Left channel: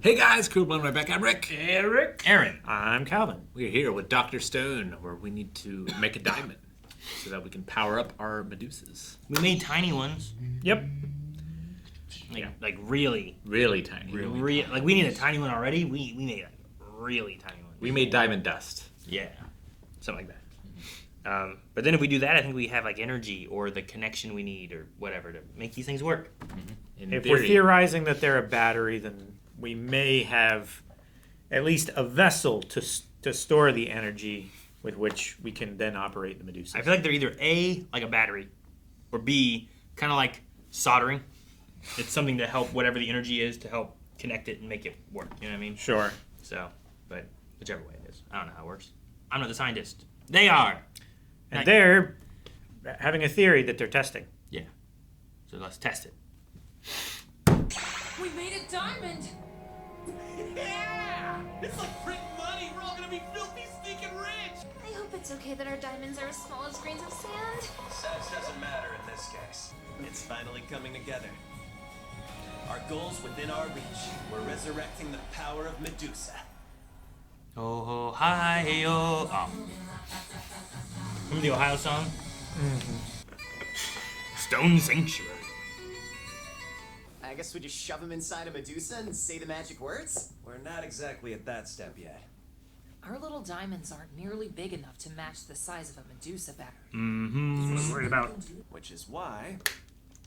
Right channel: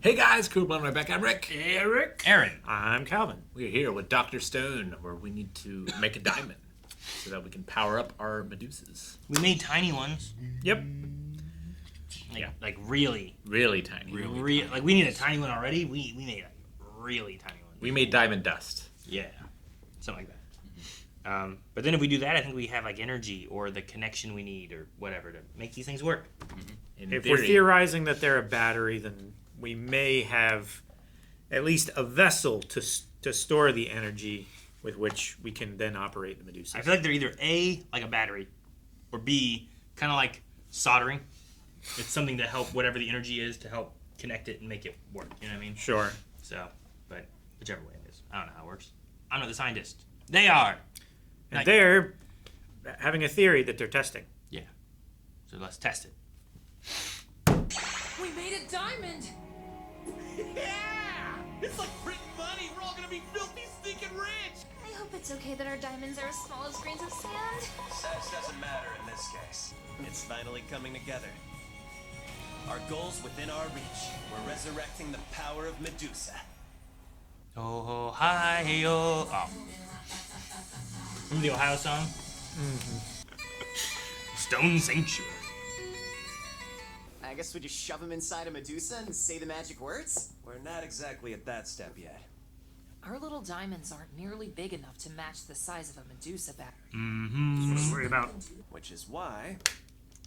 Hey guys, cool one right back. I'm Rick. Eric. Aaron. I'm Calvin. We're here with Dr. Stone, where we need to make a diamond so that we can power up our Medusas. We made tiny ones. Yep. Like really. Really tiny. Like we need a tiny one already. We made a really tiny one. We made diamond dust. Yeah. Something like that. But then if we do that, I think we have like energy or the connection we need or whatever to make these things work. In If theory. we're theorizing that they're a battery, then we may have at least a vessel to store the energy with which we can then operate the Medusa. I feel like they're either A, like a battery, or B, kind of like soldering. It's something to help whatever the energy is to help connect it and make it work. You know what I mean? Sure. So, but whichever way it is. I don't know how it works. I'm not the scientist. They are. And they're having a theory that they're testing. Yeah. So let's test it. We made a diamond! Yeah! It's like printing money. We're all gonna be filthy, stinking rich. I hope it's okay that our diamonds are as small as grains of sand. Size doesn't matter in this case. It's finally coming together. Our goal's within our reach. We're resurrecting the power of Medusa. Oh, ho, hi, yo. Oh. Remember the Ohio song? Stone Sanctuary. I guess we just shove him inside a Medusa and say the magic words? We're not exactly at that step yet. Our little diamonds aren't nearly big enough to match the size of a Medusa battery. That's what I'm worried about. Which is why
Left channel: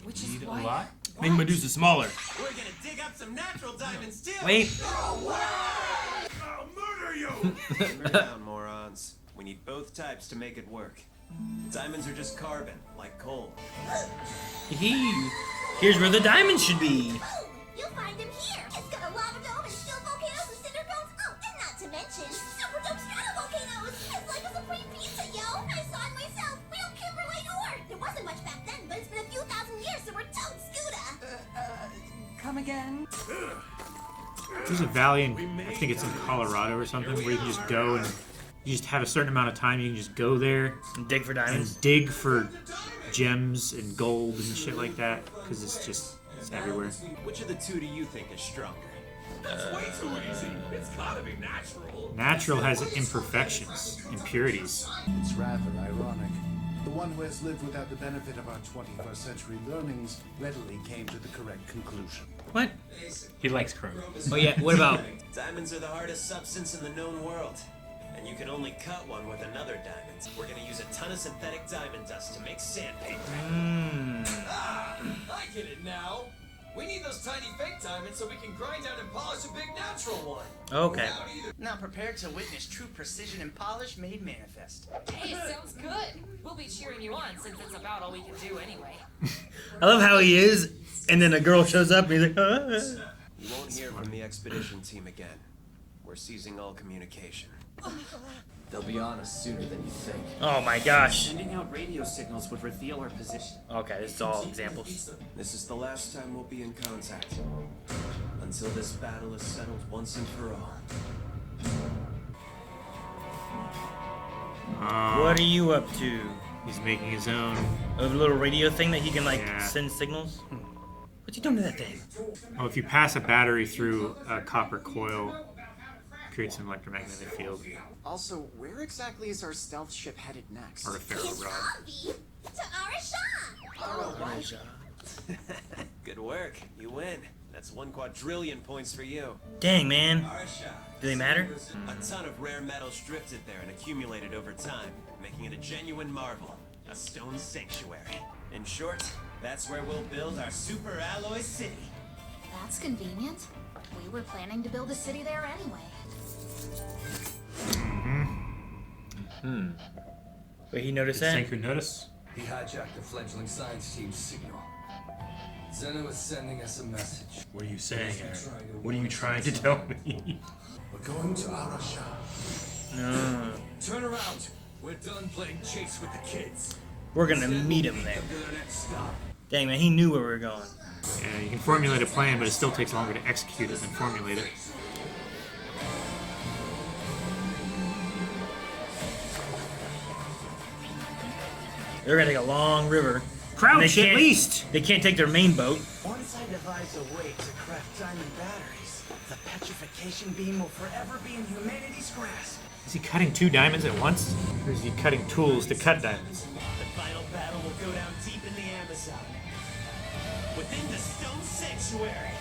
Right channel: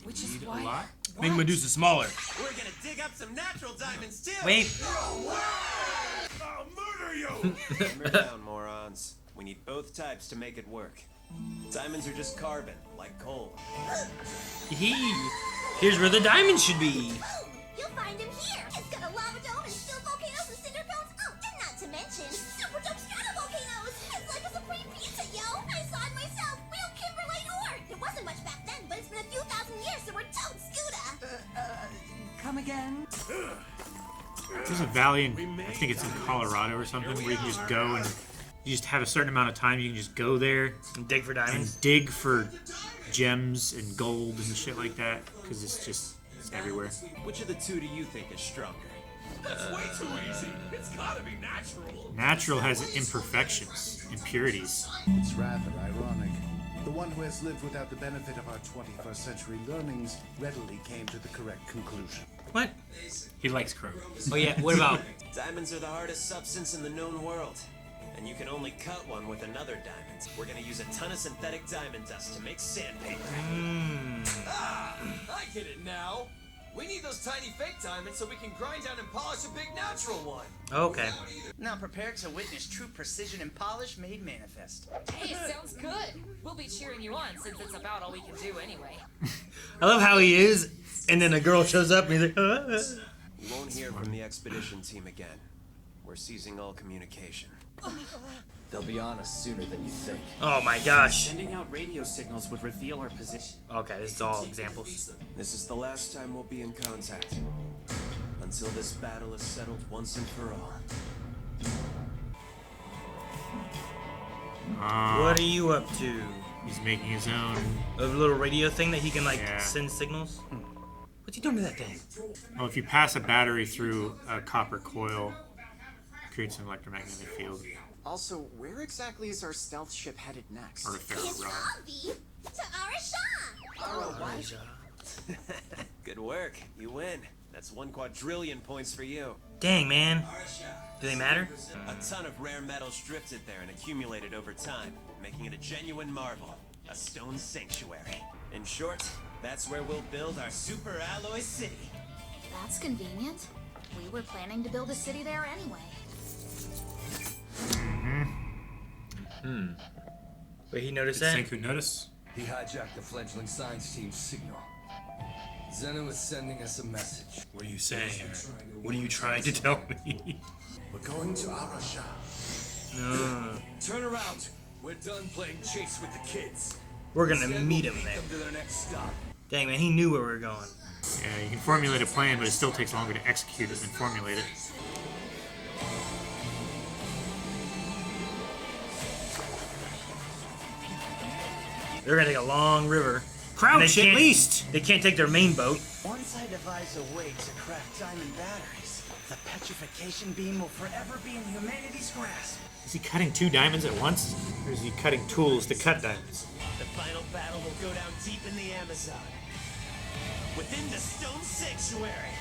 Which is why... Make Medusa smaller. we're gonna dig up some natural diamonds too. Wait. I'll murder you. Simmer down, morons. We need both types to make it work. Diamonds are just carbon, like coal. Here's where the diamonds should be. Oh, you'll find him here. It's got a lava dome and steel volcanoes and cinder cones. Oh, and not to mention super dope stratovolcanoes. It's like a supreme pizza, yo. I saw it myself. Real kimberlite ore. There wasn't much back then, but it's been a few thousand years, so we're totes Scooter. Come again? There's a valley in, I think it's in Colorado or something, where you can just go and you just have a certain amount of time. You can just go there And dig for and diamonds. dig for gems and gold and shit like that, because it's everywhere. Which of the two do you think is stronger? That's way too easy. It's gotta be natural. Natural has imperfections, impurities. It's rather ironic. The one who has lived without the benefit of our 21st century learnings readily came to the correct conclusion. What? He likes crow. Oh yeah, what about... Diamonds are the hardest substance in the known world. And you can only cut one with another diamond. We're gonna use a ton of synthetic diamond dust to make sandpaper. Ah, I get it now. We need those tiny fake diamonds so we can grind down and polish a big natural one. Okay. Now prepare to witness true precision and polish made manifest. Hey, sounds good. We'll be cheering you on since it's about all we can do anyway. I love how he is, and then a girl shows up and he's like, You won't hear from the expedition team again. We're seizing all communication. They'll be on us sooner than you think. Oh my gosh. Sending out radio signals would reveal our position. Okay, this is all examples. This is the last time we'll be in contact. Until this battle is settled once and for all. What are you up to? He's making his own. A little radio thing that he can like Yeah. send signals? What's he doing to that thing? Well, if you pass a battery through a copper coil, it creates an electromagnetic field. Also, where exactly is our stealth ship headed next? Or a ferro It's rod. Avi to Araxá. Good work. You win. That's 1 quadrillion points for you. Dang, man. Do they matter? A ton of rare metals drifted there and accumulated over time, making it a genuine marvel. A stone sanctuary. In short, that's where we'll build our super alloy city. That's convenient. We were planning to build a city there anyway. Wait, he noticed that? Senku notice? He hijacked the fledgling science team's signal. Zeno is sending us a message. What are you saying? What are you trying to tell me? We're going to Araxá. Turn around. We're done playing chase with the kids. We're gonna Instead, meet we'll him there. them to their next stop. Dang, man, he knew where we were going. Yeah, you can formulate a plan, but it still takes longer to execute it than formulate it. They're gonna take a long river. Crouch at least. They can't take their main boat. Once I devise a way to craft diamond batteries, the petrification beam will forever be in humanity's grasp. Is he cutting 2 diamonds at once? Or is he cutting tools to cut diamonds? The final battle will go down deep in the Amazon, within the Stone Sanctuary.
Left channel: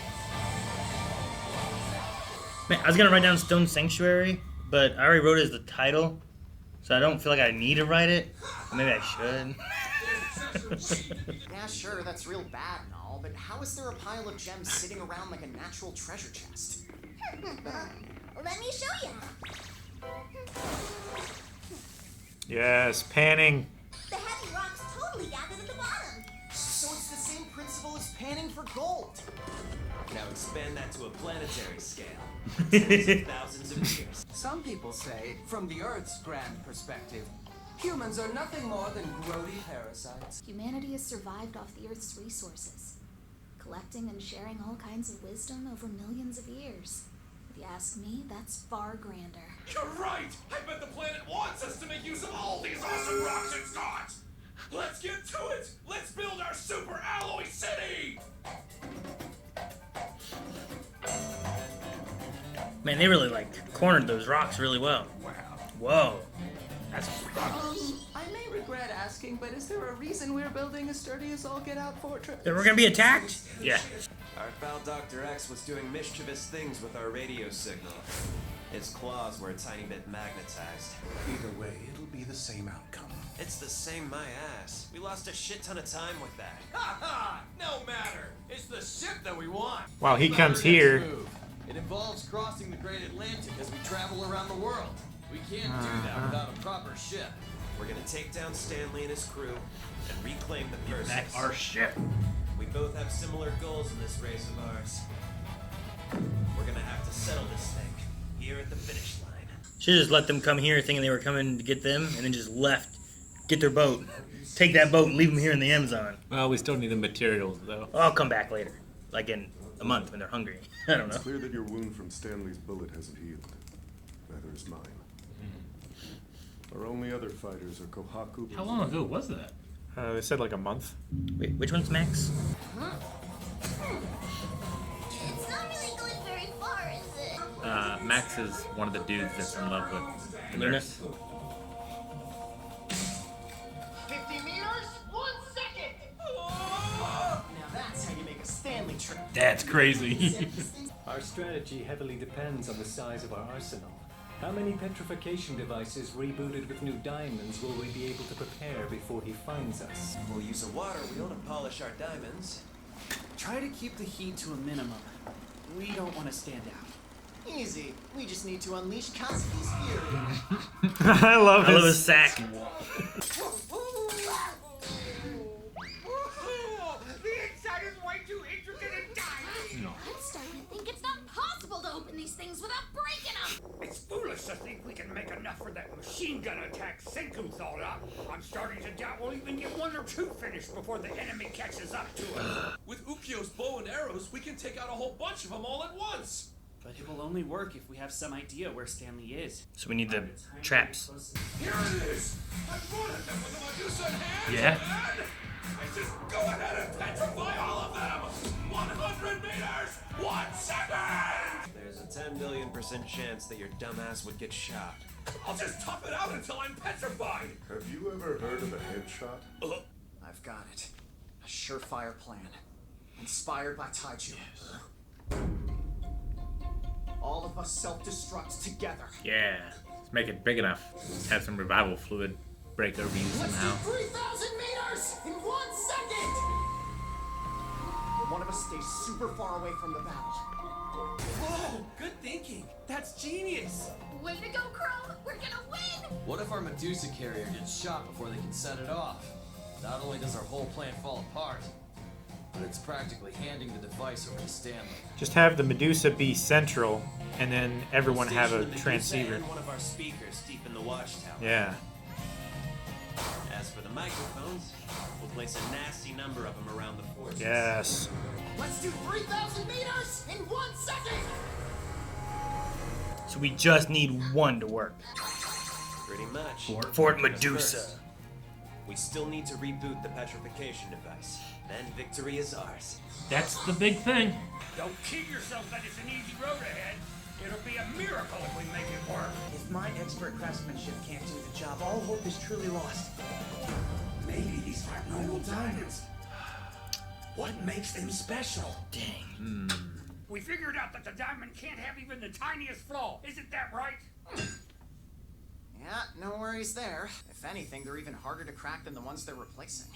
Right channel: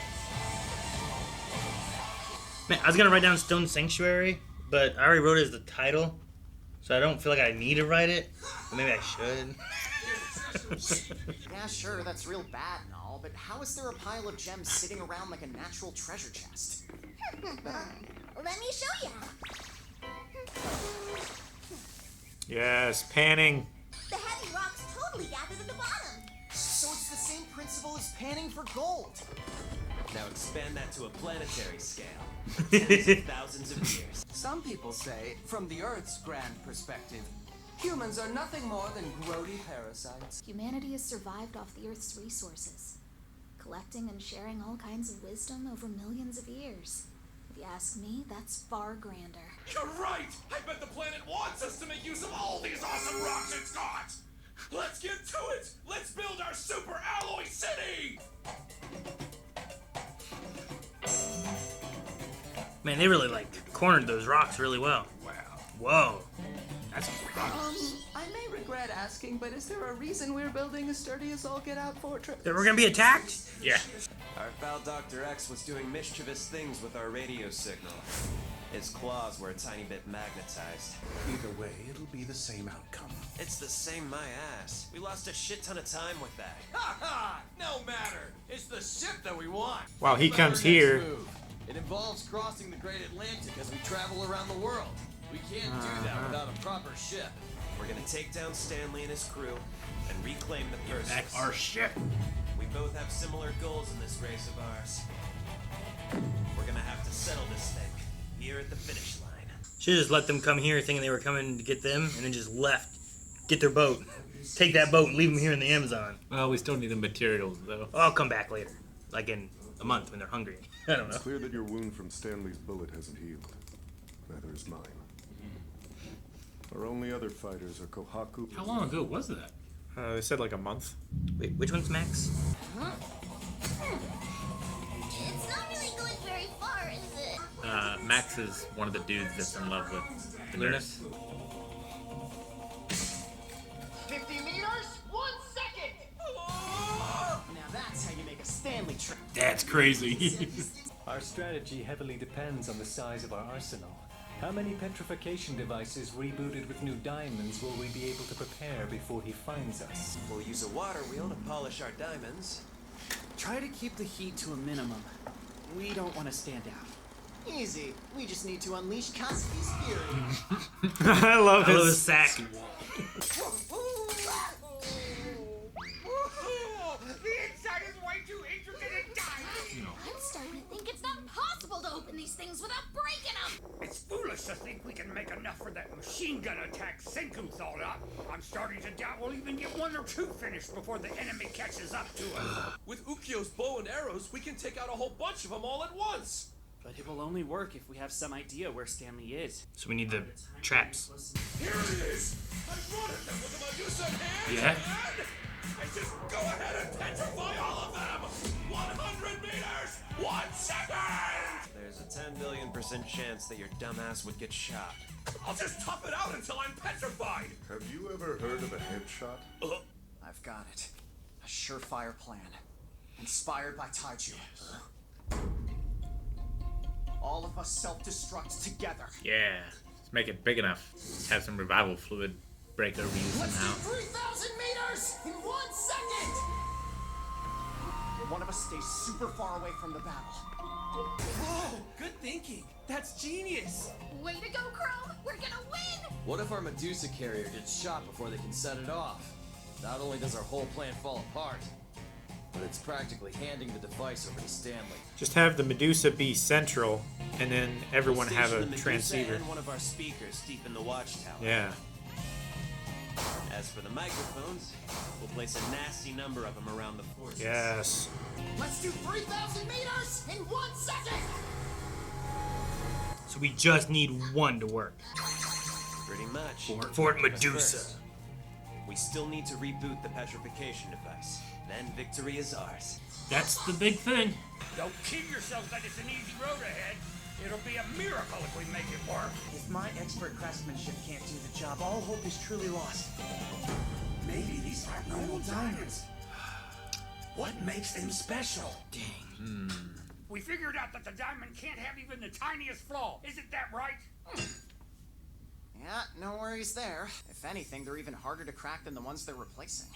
Man, I was gonna write down Stone Sanctuary, but I already wrote it as the title, so I don't feel like I need to write it. Maybe I should. Yeah, sure, that's real bad and all, but how is there a pile of gems sitting around like a natural treasure chest? Let me show ya. Yes, panning. The heavy rocks totally gathered at the bottom. So it's the same principle as panning for gold. Now expand that to a planetary scale. Tens of thousands of years. Some people say, from the Earth's grand perspective, humans are nothing more than grody parasites. Humanity has survived off the Earth's resources, collecting and sharing all kinds of wisdom over millions of years. If you ask me, that's far grander. You're right! I bet the planet wants us to make use of all these awesome rocks it's got! Let's get to it! Let's build our super alloy city! Man, they really cornered those rocks really well. Wow. Whoa. That's I may regret asking, but is there a reason we're building a sturdy as all get out fortress? We're gonna be attacked? Yeah. Our pal Dr. X was doing mischievous things with our radio signal. His claws were a tiny bit magnetized. Either way, it'll be the same outcome. It's the same my ass. We lost a shit ton of time with that. Ha ha! No matter! It's the ship that we want! Well, he What about comes our next here. move? It involves crossing the Great Atlantic as we travel around the world. We can't do that without a proper ship. We're gonna take down Stanley and his crew and reclaim the Perseus. Back our ship. We both have similar goals in this race of ours. We're gonna have to settle this thing here at the finish line. Should just let them come here thinking they were coming to get them, and then just left. Get their boat. Take that boat and leave them here in the Amazon. Well, we still need the materials, though. I'll come back later. Like in a month when they're hungry. I don't know. It's clear that your wound from Stanley's bullet hasn't healed. Neither is mine. Our only other fighters are Kohaku. How long ago was that? They said like a month. Wait, which one's Max? It's not really going very far, is it? Max is one of the dudes that's in love with the nurse. 50 meters, 1 second! Now that's how you make a Stanley trip. That's crazy. Our strategy heavily depends on the size of our arsenal. How many petrification devices rebooted with new diamonds will we be able to prepare before he finds us? We'll use a water wheel to polish our diamonds. Try to keep the heat to a minimum. We don't want to stand out. Easy. We just need to unleash Kaseki's fury. I love I love his his sack. The inside is way too intricate and tiny! I'm starting to think it's not possible to open these things without breaking them. It's foolish to think we can make enough for that machine gun attack Senku thought up. I'm starting to doubt we'll even get 1 or 2 finished before the enemy catches up to us. With Ukyo's bow and arrows, we can take out a whole bunch of them all at once! But it will only work if we have some idea where Stanley is. So we need the traps. Here it is! I run at them with a Medusa in hand! Yeah. And I just go ahead and petrify all of them! 100 meters! 1 second! There's a 10 billion% chance that your dumbass would get shot. I'll just tough it out until I'm petrified! Have you ever heard of a headshot? I've got it. A surefire plan. Inspired by Taiju. All of us self-destruct together. Yeah. Let's make it big enough. Let's have some revival fluid break over you Let's somehow. do 3,000 meters in 1 second! One of us stays super far away from the battle. Whoa! Good thinking! That's genius! Way to go, Chrome! We're gonna win! What if our Medusa carrier gets shot before they can set it off? Not only does our whole plan fall apart, but it's practically handing the device over to Stanley. Just have the Medusa be central, and then everyone We'll have station a the Medusa transceiver. and one of our speakers deep in the watchtower. Yeah. As for the microphones, we'll place a nasty number of them around the forces. Yes. Let's do 3,000 meters in 1 second! So we just need 1 to work. Pretty much. Fort But Medusa. first, We still need to reboot the petrification device. Then victory is ours. That's the big thing. Don't kid yourself that it's an easy road ahead. It'll be a miracle if we make it work. If my expert craftsmanship can't do the job, all hope is truly lost. Maybe these aren't normal diamonds. What makes them special? Dang. We figured out that the diamond can't have even the tiniest flaw. Isn't that right? Yeah, no worries there. If anything, they're even harder to crack than the ones they're replacing.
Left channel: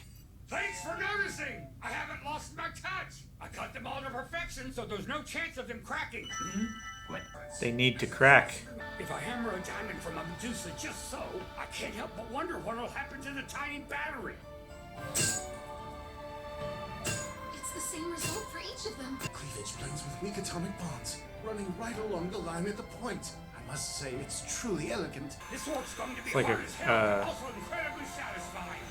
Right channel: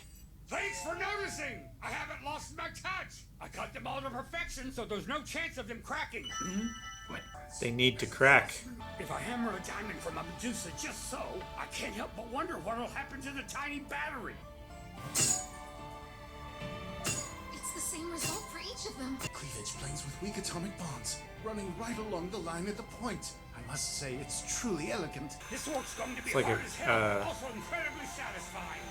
Thanks for noticing! I haven't lost my touch! I cut them all to perfection, so there's no chance of them cracking. They need to crack. If I hammer a diamond from a Medusa just so, I can't help but wonder what'll happen to the tiny battery. It's the same result for each of them. Cleavage planes with weak atomic bonds, running right along the line at the point. I must say, it's truly elegant. This work's going to be It's like hard a, as hell, but also incredibly satisfying.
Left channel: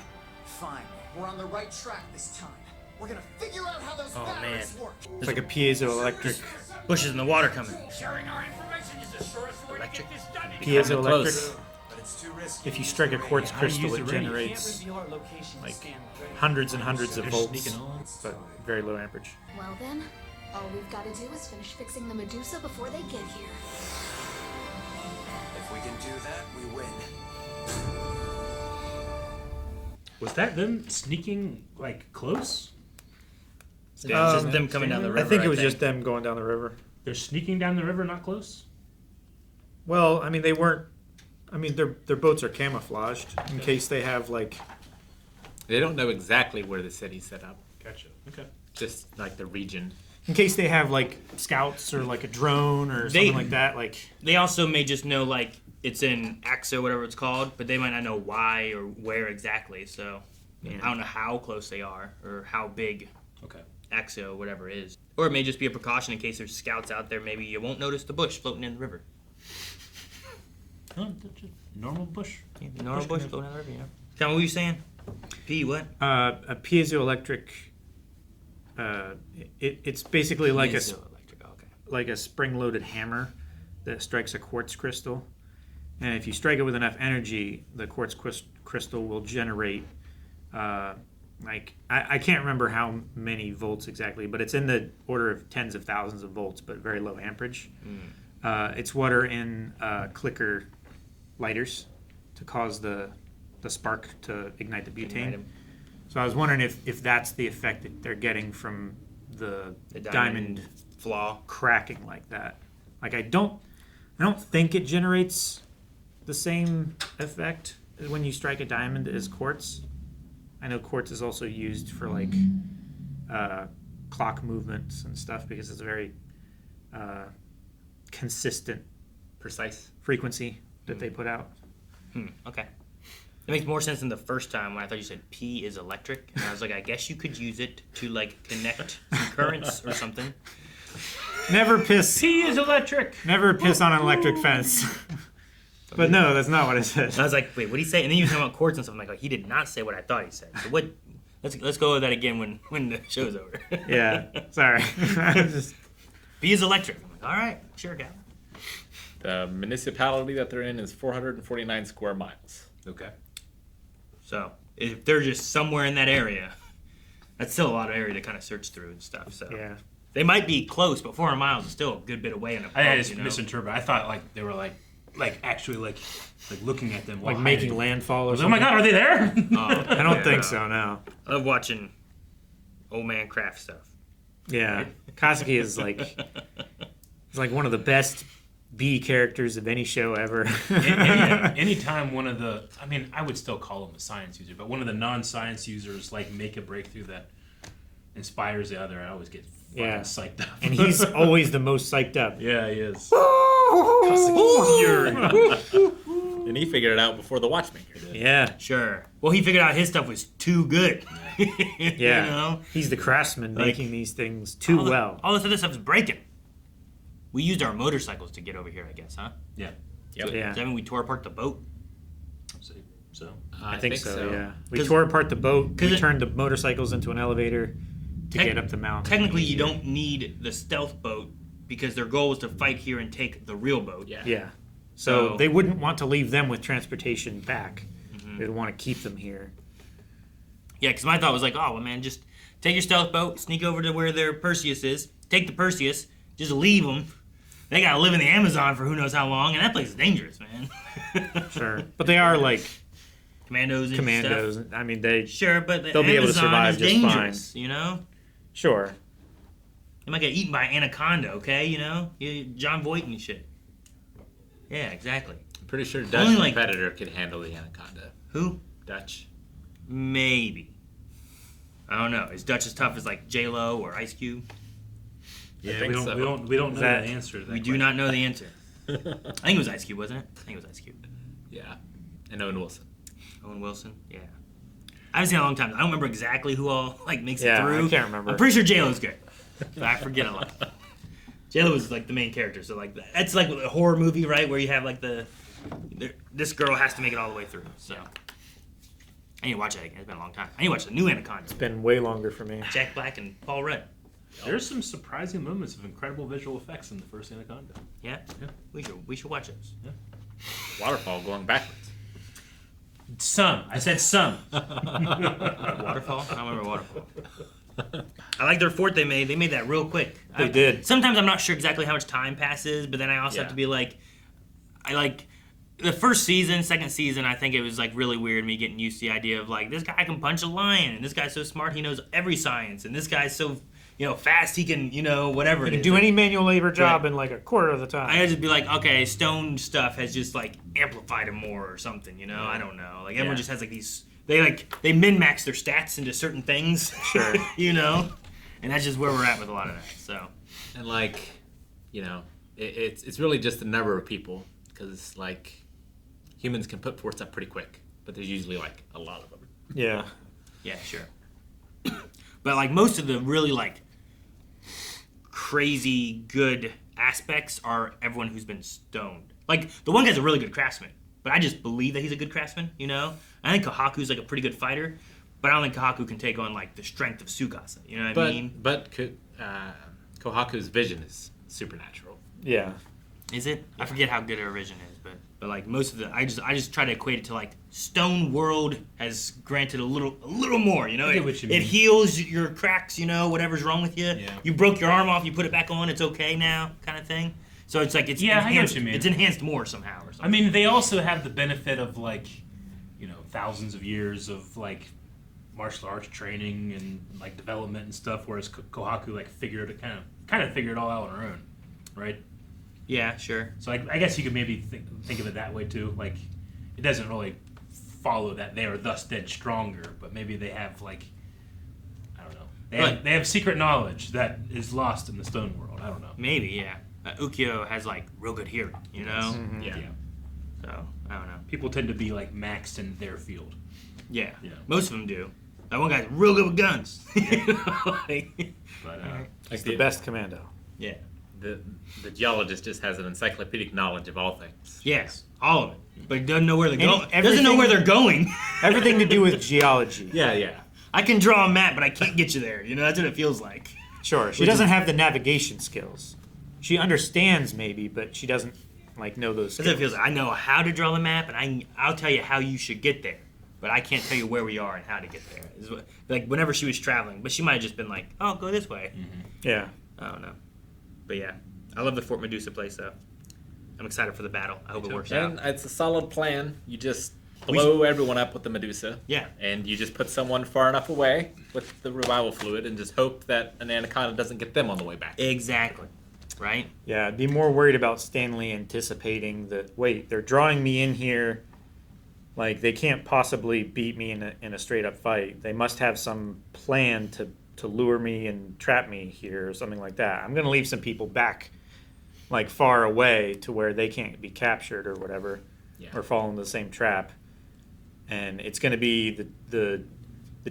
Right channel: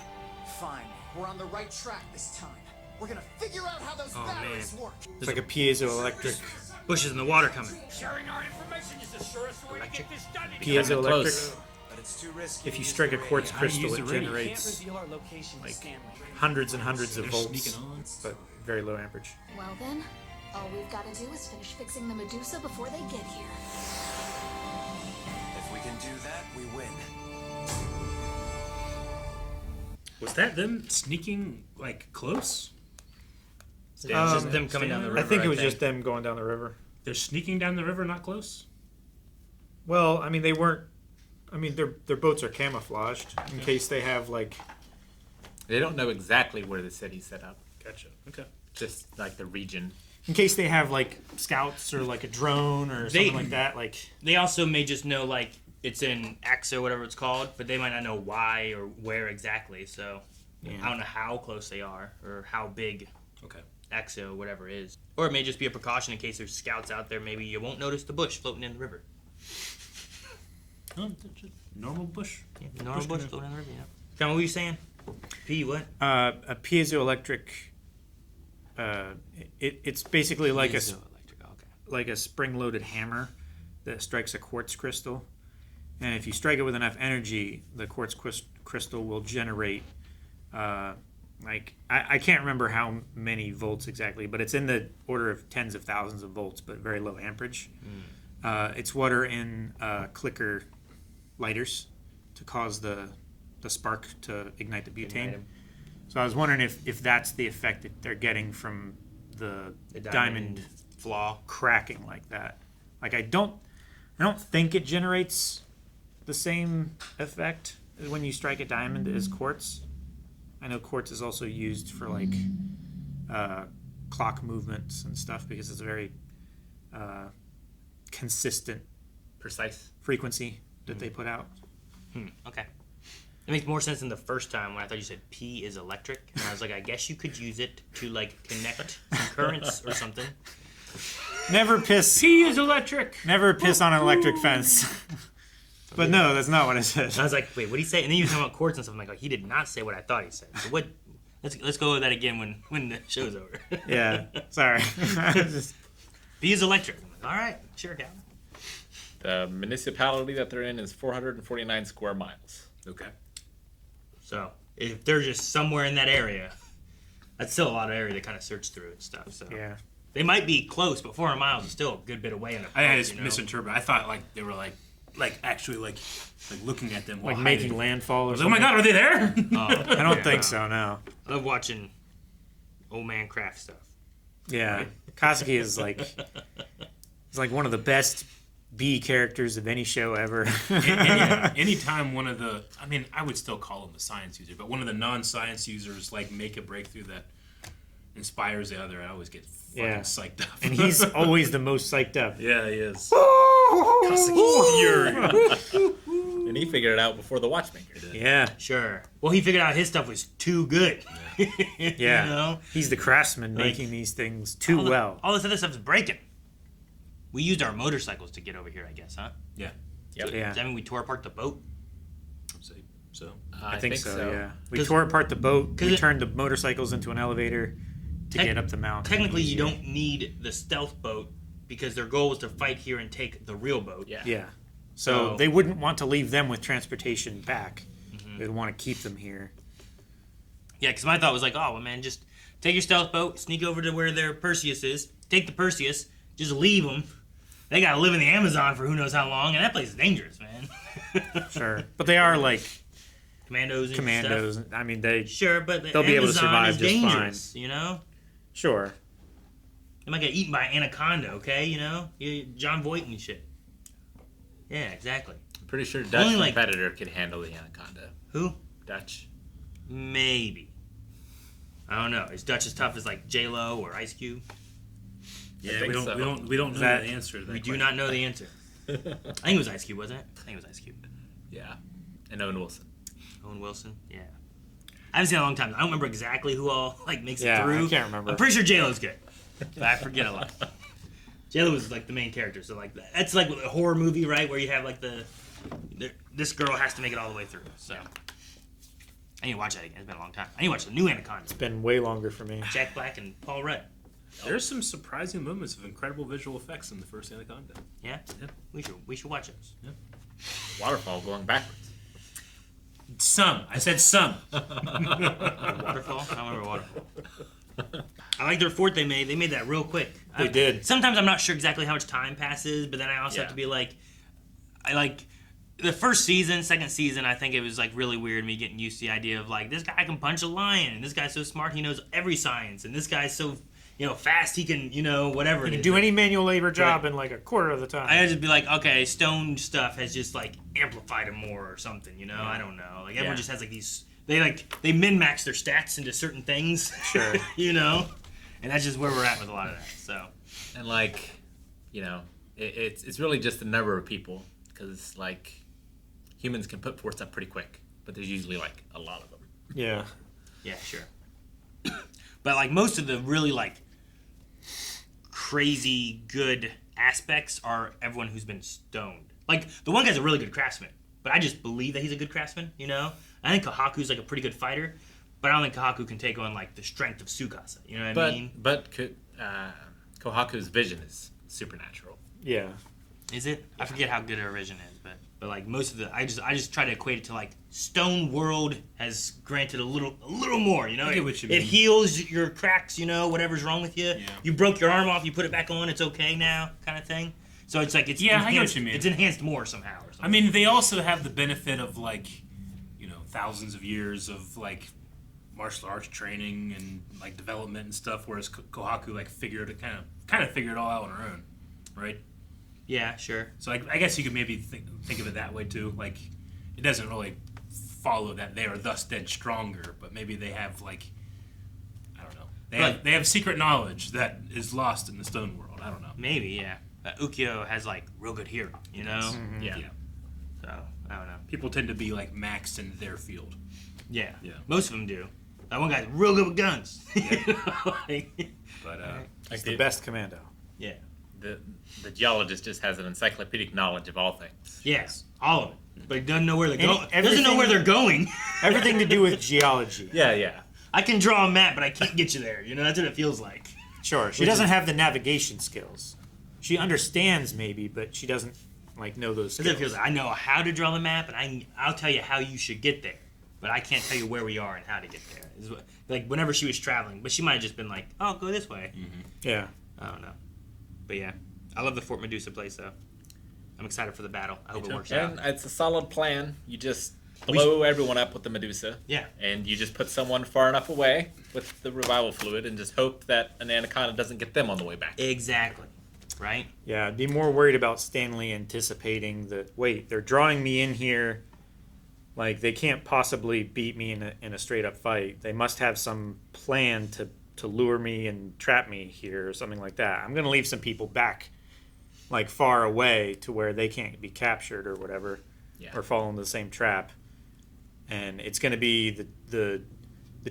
Fine, we're on the right track this time. We're gonna figure out how those batteries work. It's like a piezoelectric. Bushes in the water coming. Sharing our information is the surest way to get this done. Piezoelectric. But it's too risky. If you strike a quartz crystal, it generates Can't reveal our location to Stanley. hundreds and hundreds of volts, but very low amperage. Well then, all we've got to do is finish fixing the Medusa before they get here. If we can do that, we win. Was that them sneaking like close? Just them coming down the river. I think it was just them going down the river. They're sneaking down the river, not close? Well, I mean, they weren't. I mean, their boats are camouflaged in case they have like. They don't know exactly where the city's set up. Gotcha. Okay. Just like the region. In case they have like scouts or like a drone or something like that. Like they also may just know like it's in Araxá, whatever it's called, but they might not know why or where exactly. So I don't know how close they are or how big. Okay. Araxá, whatever it is, or it may just be a precaution in case there's scouts out there. Maybe you won't notice the bush floating in the river. Oh, just normal bush. Yeah, normal bush floating in the river. Yeah. John, what were you saying? P what? A piezoelectric. It's basically like like a spring-loaded hammer that strikes a quartz crystal, and if you strike it with enough energy, the quartz crystal will generate. Like I can't remember how many volts exactly, but it's in the order of tens of thousands of volts, but very low amperage. It's what are in clicker lighters to cause the spark to ignite the butane. So I was wondering if that's the effect that they're getting from the diamond flaw cracking like that. Like I don't think it generates the same effect when you strike a diamond as quartz. I know quartz is also used for like clock movements and stuff because it's a very consistent, precise frequency that they put out. Okay. It makes more sense than the first time when I thought you said P is electric, and I was like, I guess you could use it to like connect currents or something. Never piss. P is electric. Never piss on an electric fence. But no, that's not what it said. I was like, wait, what did he say? And then you were talking about quartz and stuff. I'm like, he did not say what I thought he said. So what? Let's go over that again when the show's over. Yeah, sorry. P is electric. I'm like, all right, sure, Cal. The municipality that they're in is 449 square miles. Okay. So if they're just somewhere in that area, that's still a lot of area to kind of search through and stuff. So yeah, they might be close, but 400 miles is still a good bit away. I just misinterpreted. I thought like they were like actually like looking at them, like while making hiding. landfall or Oh something. my god, are they there? I don't think so. No. I love watching old man craft stuff. Yeah, Kaseki is like he's like one of the best B characters of any show ever. Anytime one of the, I mean, I would still call him the science user, but one of the non-science users like make a breakthrough that inspires the other, I always get fucking psyched up. And he's always the most psyched up. Yeah, he is. And he figured it out before the watchmaker did. Yeah. Sure. Well, he figured out his stuff was too good. Yeah. You know? He's the craftsman making these things too well. All this other stuff's breaking. We used our motorcycles to get over here, I guess, huh? Yeah. Yep. So, does that mean we tore apart the boat? So I think so. Yeah. We tore apart the boat. We turned the motorcycles into an elevator to get up the mountain. Technically, you don't need the stealth boat because their goal was to fight here and take the real boat. Yeah. So they wouldn't want to leave them with transportation back. They'd want to keep them here. Yeah, because my thought was like, oh, well, man, just take your stealth boat, sneak over to where their Perseus is, take the Perseus, just leave them. They gotta live in the Amazon for who knows how long, and that place is dangerous, man. Sure, but they are like commandos. And commandos. Stuff. I mean, they'll but the be Amazon able to survive is just dangerous, fine. you know. Sure. They might get eaten by an anaconda, okay? You know, John Voight and shit. Yeah, exactly. I'm pretty sure Dutch Only, like- competitor could handle the anaconda. Who? Dutch. Maybe. I don't know. Is Dutch as tough as like J-Lo or Ice Cube? Yeah, think so. we don't know the answer to that. We do not know the answer. I think it was Ice Cube, wasn't it? I think it was Ice Cube. Yeah. And Owen Wilson. Owen Wilson? Yeah. I haven't seen it in a long time. I don't remember exactly who all like makes it Yeah, through. I can't remember. I'm pretty sure J-Lo's good. But I forget a lot. J-Lo was like the main character, so like that's like a horror movie, right? Where you have like this girl has to make it all the way through. So I need to watch that again. It's been a long time. I need to watch the new Anaconda. It's been way longer for me. Jack Black and Paul Rudd. There's some surprising moments of incredible visual effects in the first Anaconda. Yeah? We should watch those. Yeah. Waterfall going backwards. Some. I said some. Waterfall? I don't remember Waterfall. I like their fort they made. They made that real quick. They did. Sometimes I'm not sure exactly how much time passes, but then I also have to be like, I like the first season, second season. I think it was like really weird me getting used to the idea of like this guy can punch a lion, and this guy's so smart he knows every science, and this guy's so fast he can whatever. You can do any manual labor job in like a quarter of the time. I had to be like, okay, stone stuff has just like amplified him more or something, I don't know. Like everyone just has like these. They min-max their stats into certain things, Sure. And that's just where we're at with a lot of that. So, And like, it's really just the number of people because like humans can put forts up pretty quick, but there's usually like a lot of them. Yeah. Yeah, sure. But like most of the really like crazy good aspects are everyone who's been stoned. Like the one guy's a really good craftsman, but I just believe that he's a good craftsman. I think Kohaku's like a pretty good fighter, but I don't think Kohaku can take on like the strength of Tsukasa. You know what I mean? But Kohaku's vision is supernatural. Yeah. Is it? I forget how good her vision is, but like most of the, I just try to equate it to like Stone World has granted a little more. I get what you mean. It heals your cracks. Whatever's wrong with you. Yeah. You broke your arm off, you put it back on. It's okay now, kind of thing. So it's like it's I get enhanced, what you mean. It's enhanced more somehow or something. I mean, they also have the benefit of like, thousands of years of like martial arts training and like development and stuff, whereas Kohaku like kind of figured it all out on her own, right? Yeah, sure. So I guess you could maybe think of it that way too. Like, it doesn't really follow that they are thus dead stronger, but maybe they have like, I don't know, they have secret knowledge that is lost in the stone world. I don't know. Maybe, yeah. Ukyo has like real good hearing, Mm-hmm. Yeah. So I don't know. People tend to be like maxed in their field. Yeah. Most of them do. That one guy's real good with guns. But He's the best commando. Yeah. The geologist just has an encyclopedic knowledge of all things. Yes, all of it. But he doesn't know where they're going. Doesn't know everything- where they're going. Everything to do with geology. Yeah. I can draw a map, but I can't get you there. That's what it feels like. Sure. She doesn't have the navigation skills. She understands maybe, but she doesn't like know those That's what it skills. feels like. I know how to draw the map, and I'll tell you how you should get there. But I can't tell you where we are and how to get there. Like whenever she was traveling, but she might have just been like, "Oh, go this way." Yeah. I don't know. But yeah, I love the Fort Medusa place though. I'm excited for the battle. I hope it works out. And it's a solid plan. You just blow everyone up with the Medusa. Yeah. And you just put someone far enough away with the revival fluid and just hope that an anaconda doesn't get them on the way back. Exactly. Right? Yeah, I'd be more worried about Stanley anticipating that, wait, they're drawing me in here. Like, they can't possibly beat me in a straight-up fight. They must have some plan to lure me and trap me here or something like that. I'm going to leave some people back, like, far away to where they can't be captured or whatever, or fall into the same trap. And it's going to be the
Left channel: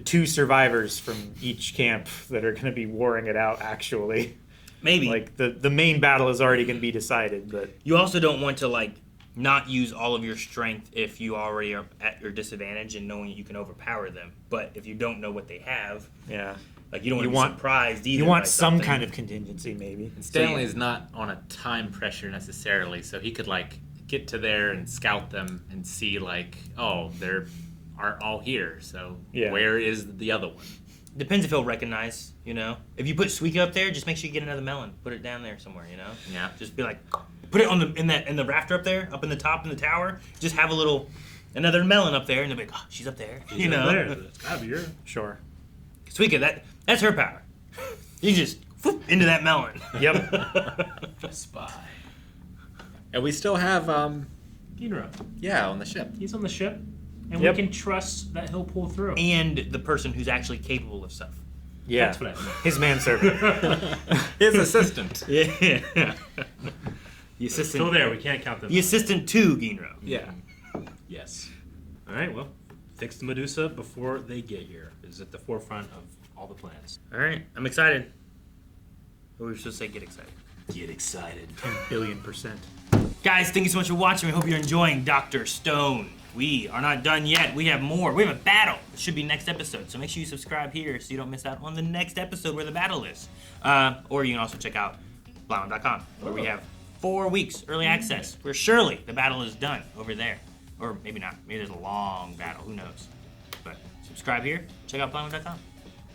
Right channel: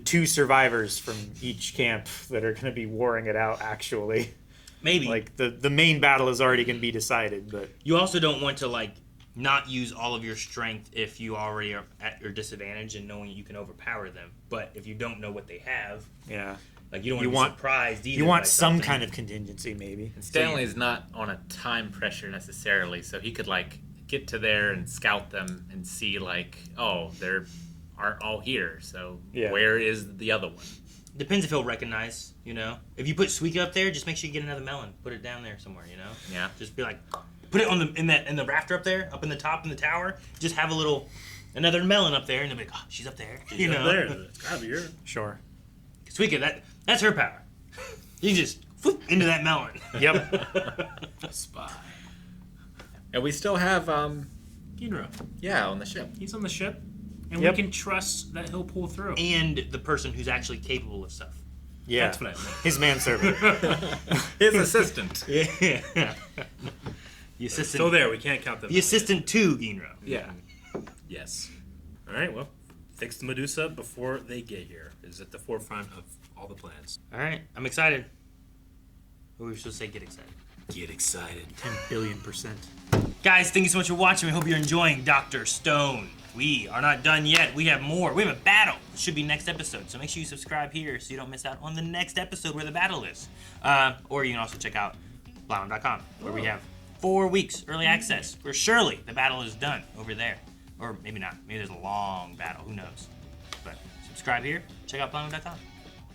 two survivors from each camp that are going to be warring it out, actually. Maybe. Like, the main battle is already going to be decided, but... You also don't want to, like, not use all of your strength if you already are at your disadvantage and knowing you can overpower them. But if you don't know what they have... Yeah. Like, you don't want to be surprised either. You want by some something. kind of contingency, maybe. And Stanley's not on a time pressure necessarily, so he could, like, get to there and scout them and see, like, oh, they're aren't all here. So Yeah. where is the other one? Depends if he'll recognize, you know. If you put Suika up there, just make sure you get another melon. Put it down there somewhere, you know. Yeah. Just be like, put it on the in the rafter up there, up in the top in the tower. Just have another melon up there, and they'll be like, oh, she's up there, you know. There. It's gotta be her. Sure. Suika, that's her power. You can just whoop, into that melon. Yep. Spy. And we still have Ginro. Yeah, on the ship. He's on the ship, and Yep. we can trust that he'll pull through. And the person who's actually capable of stuff. Yeah. That's what I meant. His manservant. His assistant. Yeah. The assistant. Still there. We can't count them. The assistant to Ginro. Yeah. Yes. All right. Well, fix the Medusa before they get here. Is at the forefront of all the plans. All right, I'm excited. Or we should say get excited. Get excited. 10,000,000,000%. Guys, thank you so much for watching. We hope you're enjoying Dr. Stone. We are not done yet. We have more. We have a battle. It should be next episode. So make sure you subscribe here so you don't miss out on the next episode where the battle is. Or you can also check out Blauman.com where we have 4 weeks early access where surely the battle is done over there. Or maybe not. Maybe there's a long battle. Who knows? But subscribe here. Check out Blauman.com.